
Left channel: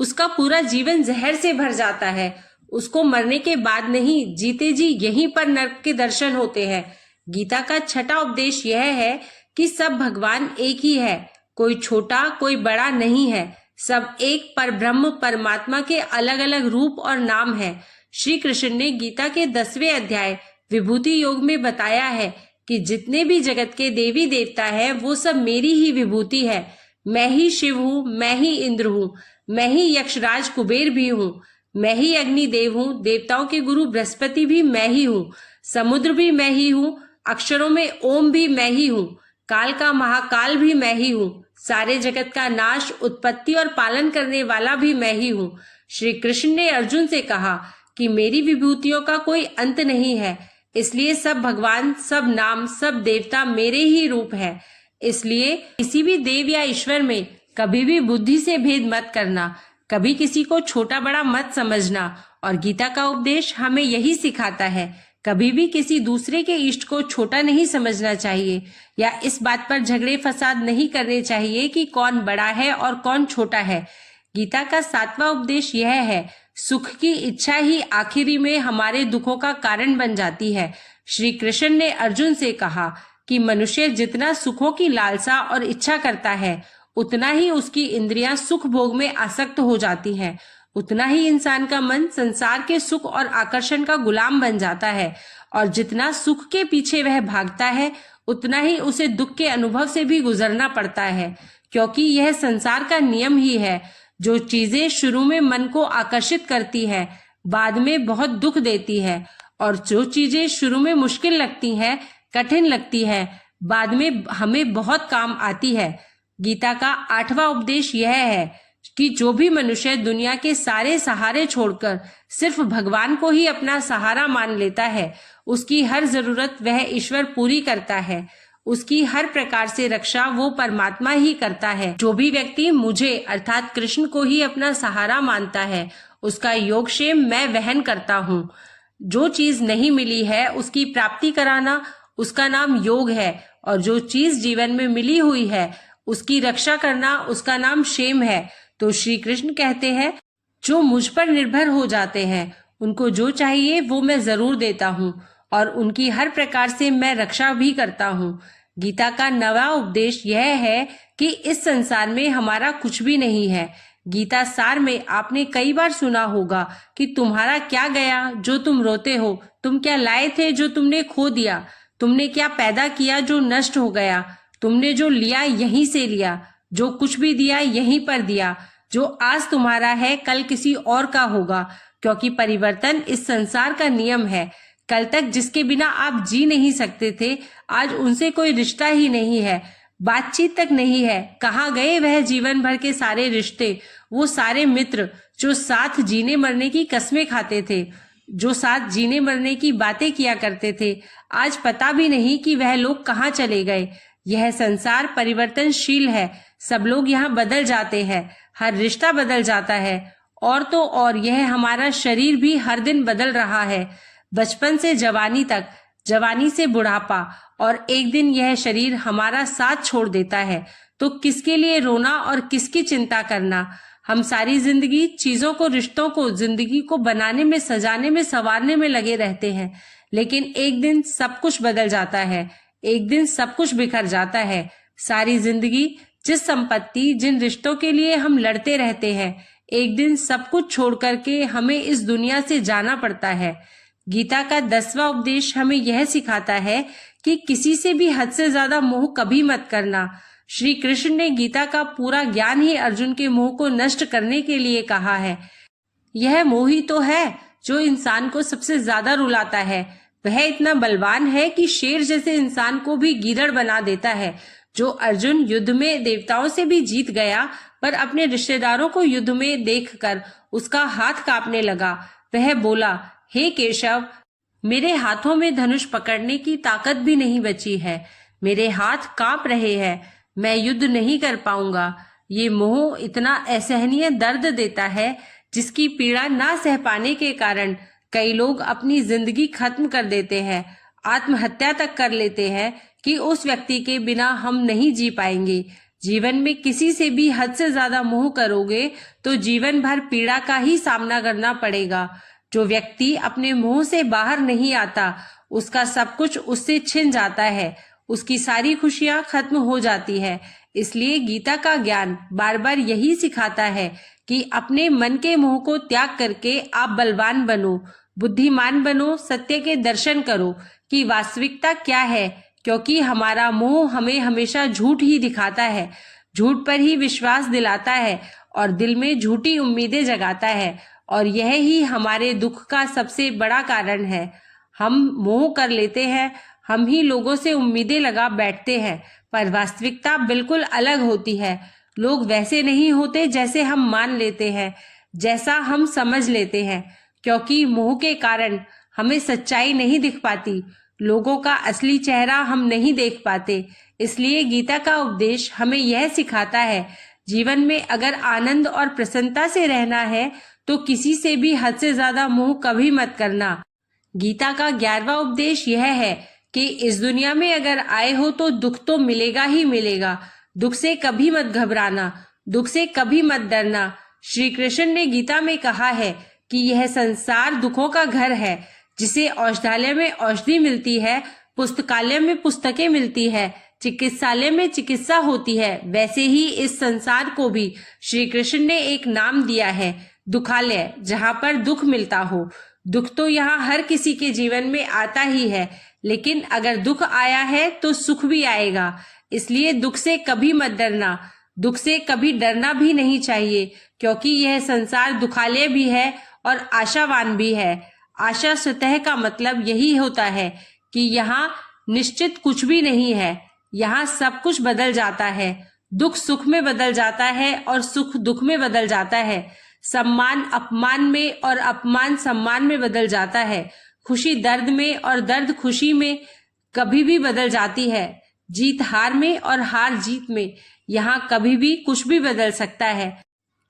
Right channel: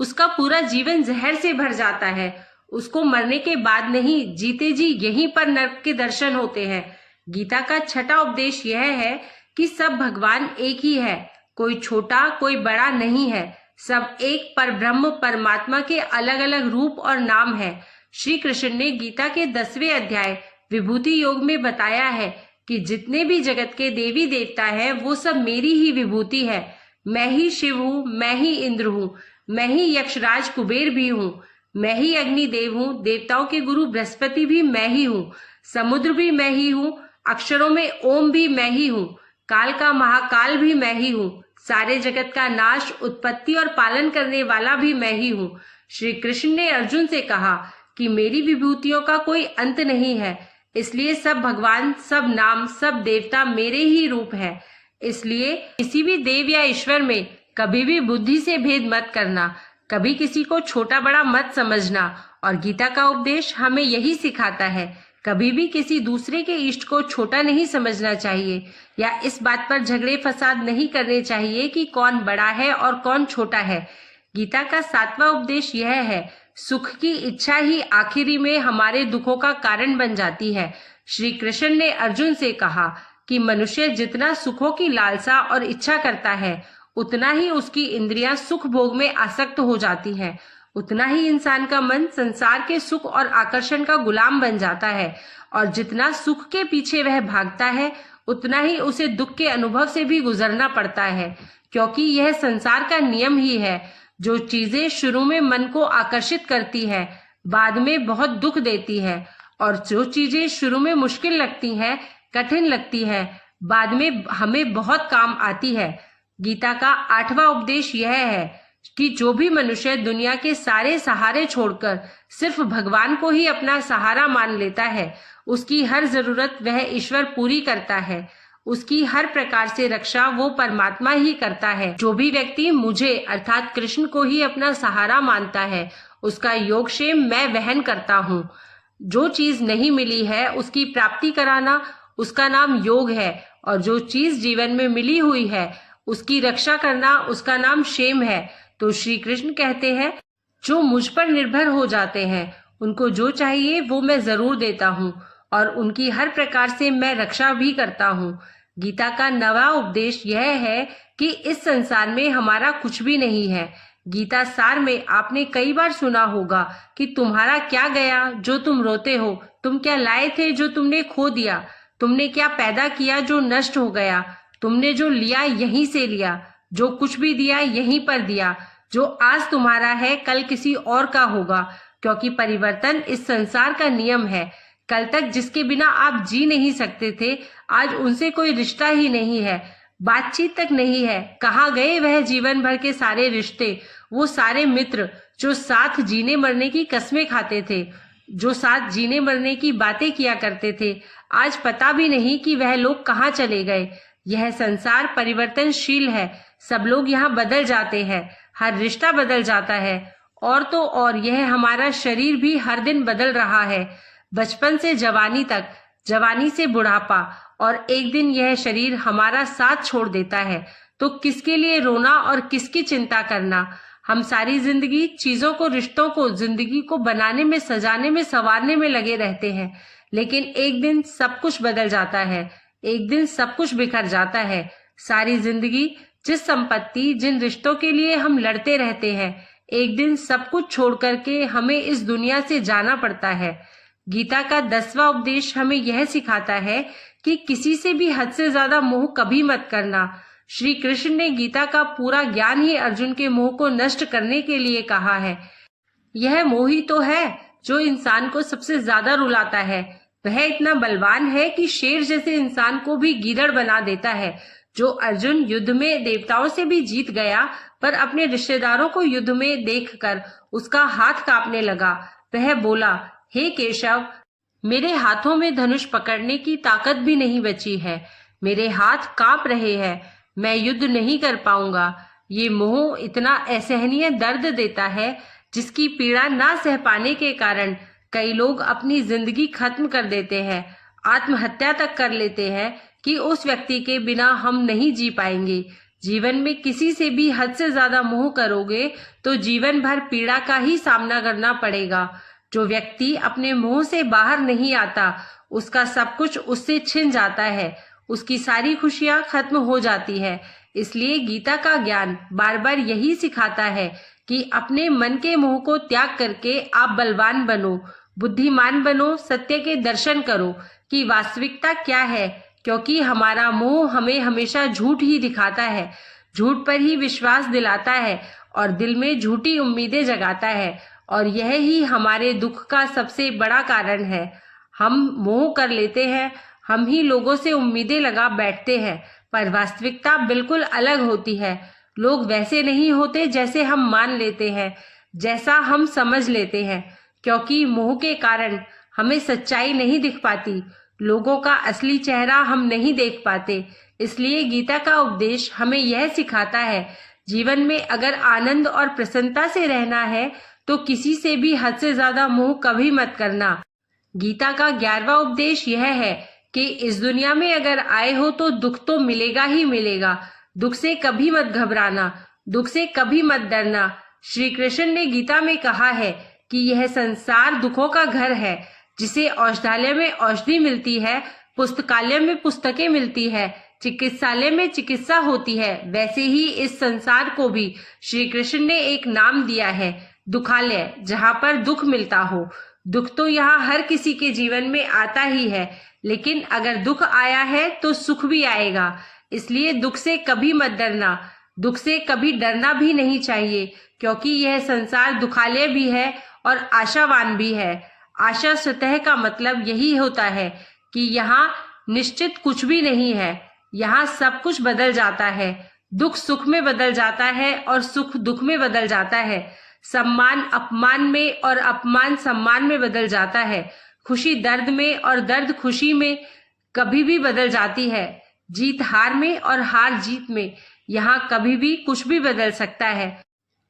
उसका पूरा जीवन जहर से भर जाता है। उसको मरने के बाद नहीं, जीते जी यहीं पर नरक के दर्शन होते हैं। गीता का 6वां उपदेश यह है कि सब भगवान एक ही है, कोई छोटा कोई बड़ा नहीं है, सब एक पर ब्रह्म परमात्मा के अलग अलग रूप और नाम है। श्री कृष्ण ने गीता के 10वें अध्याय विभूति योग में बताया है कि जितने भी जगत के देवी देवता हैं, वो सब मेरी ही विभूति है। मैं ही शिव हूँ, मैं ही इंद्र हूँ, मैं ही यक्षराज कुबेर भी हूँ, मैं ही अग्निदेव हूँ, देवताओं के गुरु बृहस्पति भी मैं ही हूँ, समुद्र भी मैं ही हूँ, अक्षरों में ओम भी मैं ही हूँ, काल का महाकाल भी मैं ही हूँ, सारे जगत का नाश, उत्पत्ति और पालन करने वाला भी मैं ही हूँ। श्री कृष्ण ने अर्जुन से कहा कि मेरी विभूतियों का कोई अंत नहीं है, इसलिए सब भगवान, सब नाम, सब देवता मेरे ही रूप है। इसलिए किसी भी देव या ईश्वर में कभी भी बुद्धि से भेद मत करना, कभी किसी को छोटा बड़ा मत समझना। और गीता का उपदेश हमें यही सिखाता है, कभी भी किसी दूसरे के इष्ट को छोटा नहीं समझना चाहिए या इस बात पर झगड़े फसाद नहीं करने चाहिए कि कौन बड़ा है और कौन छोटा है। गीता का 7वां उपदेश यह है, सुख की इच्छा ही आखिरी में हमारे दुखों का कारण बन जाती है। श्री कृष्ण ने अर्जुन से कहा कि मनुष्य जितना सुखों की लालसा और इच्छा करता है, उतना ही उसकी इंद्रियां सुख भोग में आसक्त हो जाती हैं, उतना ही इंसान का मन संसार के सुख और आकर्षण का गुलाम बन जाता है। और जितना सुख के पीछे वह भागता है, उतना ही उसे दुख के अनुभव से भी गुजरना पड़ता है, क्योंकि यह संसार का नियम ही है। जो चीजें शुरू में मन को आकर्षित करती है, बाद में बहुत दुख देती है, और जो चीजें शुरू में मुश्किल लगती हैं, कठिन लगती है, बाद में हमें बहुत काम आती है। गीता का 8वां उपदेश यह है कि जो भी मनुष्य दुनिया के सारे सहारे छोड़कर सिर्फ भगवान को ही अपना सहारा मान लेता है, उसकी हर जरूरत वह ईश्वर पूरी करता है, उसकी हर प्रकार से रक्षा वो परमात्मा ही करता है। जो भी व्यक्ति मुझे अर्थात कृष्ण को ही अपना सहारा मानता है, उसका योगक्षेम मैं वहन करता हूँ। जो चीज नहीं मिली है उसकी प्राप्ति कराना उसका नाम योग है, और जो चीज जीवन में मिली हुई है उसकी रक्षा करना उसका नाम क्षेम है। तो श्री कृष्ण कहते हैं, जो मुझ पर निर्भर हो जाते हैं उनको जो चाहिए वो मैं जरूर देता हूँ, और उनकी हर प्रकार से मैं रक्षा भी करता हूँ। गीता का 9वां उपदेश यह है कि इस संसार में हमारा कुछ भी नहीं है। गीता सार में आपने कई बार सुना होगा कि तुम्हारा क्या गया जो तुम रोते हो, तुम क्या लाए थे जो तुमने खो दिया, तुमने क्या पैदा किया जो नष्ट हो गया, तुमने जो लिया यहीं से लिया, जो कुछ भी दिया यहीं पर दिया। जो आज तुम्हारा है कल किसी और का होगा, क्योंकि परिवर्तन इस संसार का नियम है। कल तक जिसके बिना आप जी नहीं सकते थे, आज उनसे कोई रिश्ता ही नहीं है, बातचीत तक नहीं है। कहाँ गए वह जीवन भर के सारे रिश्ते, वो सारे मित्र जो साथ जीने मरने की कस्में खाते थे, जो साथ जीने मरने की बातें किया करते थे। आज पता भी नहीं कि वह लोग कहाँ चले गए। यह संसार परिवर्तनशील है, सब लोग यहाँ बदल जाते हैं, हर रिश्ता बदल जाता है। और तो और यह हमारा शरीर भी हर दिन बदल रहा है, बचपन से जवानी तक, जवानी से बुढ़ापा, और एक दिन यह शरीर हमारा साथ छोड़ देता है। तो किसके लिए रोना और किसकी चिंता करना। हम सारी जिंदगी चीजों को, रिश्तों को, जिंदगी को बनाने में, सजाने में, संवारने में लगे रहते हैं, लेकिन एक दिन सब कुछ बदल जाता है, एक दिन सब कुछ बिखर जाता है। सारी जिंदगी जिस संपत्ति, जिन रिश्तों के लिए हम लड़ते रहते हैं, एक दिन सब कुछ छोड़ करके हमें इस दुनिया से जाना पड़ता है। गीता का 10वां उपदेश हमें यह सिखाता है कि किसी से भी हद से ज्यादा मोह कभी मत करना। श्री कृष्ण ने गीता का पूरा ज्ञान ही अर्जुन के मोह को नष्ट करने के लिए कहा है। यह मोह ही तो है जो इंसान को सबसे ज्यादा रुलाता है। वह इतना बलवान है कि शेर जैसे इंसान को भी गीदड़ बना देता है। जो अर्जुन युद्ध में देवताओं से भी जीत गया, पर अपने रिश्तेदारों को युद्ध में देखकर उसका हाथ कांपने लगा। वह बोला, हे केशव, मेरे हाथों में धनुष पकड़ने की ताकत भी नहीं बची है, मेरे हाथ कांप रहे हैं, मैं युद्ध नहीं कर पाऊंगा। ये मोह इतना असहनीय दर्द देता है, जिसकी पीड़ा ना सह पाने के कारण कई लोग अपनी जिंदगी खत्म कर देते हैं, आत्महत्या तक कर लेते हैं कि उस व्यक्ति के बिना हम नहीं जी पाएंगे। जीवन में किसी से भी हद से ज्यादा मोह करोगे तो जीवन भर पीड़ा का ही सामना करना पड़ेगा। जो व्यक्ति अपने मोह से बाहर नहीं आता, उसका सब कुछ उससे छिन जाता है, उसकी सारी खुशियां खत्म हो जाती है। इसलिए गीता का ज्ञान बार बार यही सिखाता है कि अपने मन के मोह को त्याग करके आप बलवान बनो, बुद्धिमान बनो, सत्य के दर्शन करो कि वास्तविकता क्या है। क्योंकि हमारा मोह हमें हमेशा झूठ ही दिखाता है, झूठ पर ही विश्वास दिलाता है और दिल में झूठी उम्मीदें जगाता है, और यह ही हमारे दुख का सबसे बड़ा कारण है। हम मोह कर लेते हैं, हम ही लोगों से उम्मीदें लगा बैठते हैं, पर वास्तविकता बिल्कुल अलग होती है। लोग वैसे नहीं होते जैसे हम मान लेते हैं, जैसा हम समझ लेते हैं। क्योंकि मोह के कारण हमें सच्चाई नहीं दिख पाती, लोगों का असली चेहरा हम नहीं देख पाते। इसलिए गीता का उपदेश हमें यह सिखाता है, जीवन में अगर आनंद और प्रसन्नता से रहना है तो किसी से भी हद से ज्यादा मोह कभी मत करना। गीता का 11वां उपदेश यह है कि इस दुनिया में अगर आए हो तो दुख तो मिलेगा ही मिलेगा। दुख से कभी मत घबराना, दुख से कभी मत डरना। श्री कृष्ण ने गीता में कहा है कि यह संसार दुखों का घर है। जिसे औषधालय में औषधि मिलती है, पुस्तकालय में पुस्तकें मिलती है, चिकित्सालय में चिकित्सा होती है, वैसे ही इस संसार को भी श्री कृष्ण ने एक नाम दिया है, दुखालय, जहाँ पर दुख मिलता हो। दुख तो यहाँ हर किसी के जीवन में आता ही है, लेकिन अगर दुख आया है तो सुख भी आएगा। इसलिए दुख से कभी मत डरना, दुख से कभी डरना भी नहीं चाहिए, क्योंकि यह संसार दुखालय भी है और आशावान भी है। आशा स्वतः का मतलब यही होता है कि यहाँ निश्चित कुछ भी नहीं है, यहाँ सब कुछ बदल जाता है। दुख सुख में बदल जाता है और सुख दुख में बदल जाता है। सम्मान अपमान में और अपमान सम्मान में बदल जाता है। खुशी दर्द में और दर्द खुशी में कभी भी बदल जाती है। जीत हार में और हार जीत में। यहाँ कभी भी कुछ भी बदल सकता है,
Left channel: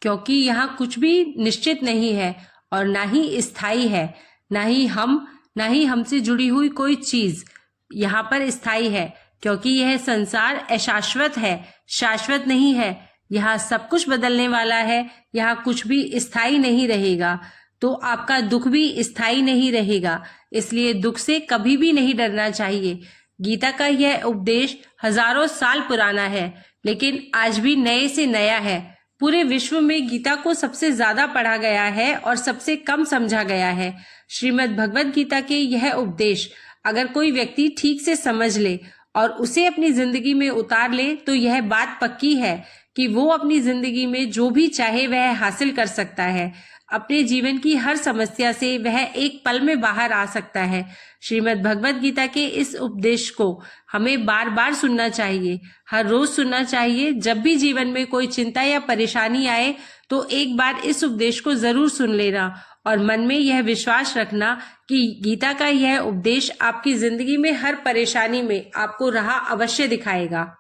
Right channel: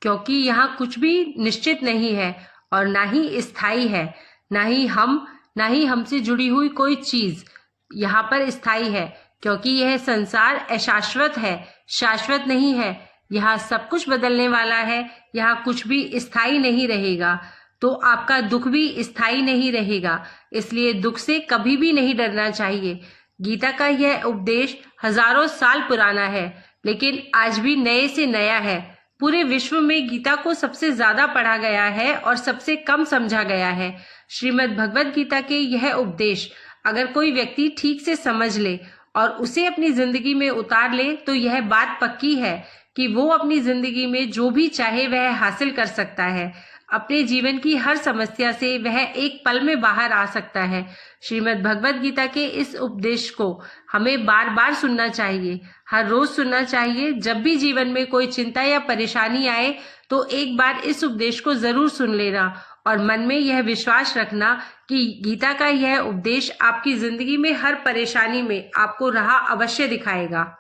क्योंकि यहाँ कुछ भी निश्चित नहीं है और ना ही स्थायी है। ना ही हमसे जुड़ी हुई कोई चीज यहाँ पर स्थायी है, क्योंकि यह संसार अशाश्वत है, शाश्वत नहीं है। यहाँ सब कुछ बदलने वाला है, यहाँ कुछ भी स्थायी नहीं रहेगा। तो आपका दुख भी स्थायी नहीं रहेगा, इसलिए दुख से कभी भी नहीं डरना चाहिए। गीता का यह उपदेश हजारों साल पुराना है, लेकिन आज भी नए से नया है। पूरे विश्व में गीता को सबसे ज्यादा पढ़ा गया है और सबसे कम समझा गया है। श्रीमद् भगवत गीता के यह उपदेश अगर कोई व्यक्ति ठीक से समझ ले और उसे अपनी जिंदगी में उतार ले तो यह बात पक्की है कि वो अपनी जिंदगी में जो भी चाहे वह हासिल कर सकता है। अपने जीवन की हर समस्या से वह एक पल में बाहर आ सकता है। श्रीमद् भगवत गीता के इस उपदेश को हमें बार बार सुनना चाहिए, हर रोज सुनना चाहिए। जब भी जीवन में कोई चिंता या परेशानी आए तो एक बार इस उपदेश को जरूर सुन लेना और मन में यह विश्वास रखना कि गीता का यह उपदेश आपकी जिंदगी में हर परेशानी में आपको राह अवश्य दिखाएगा।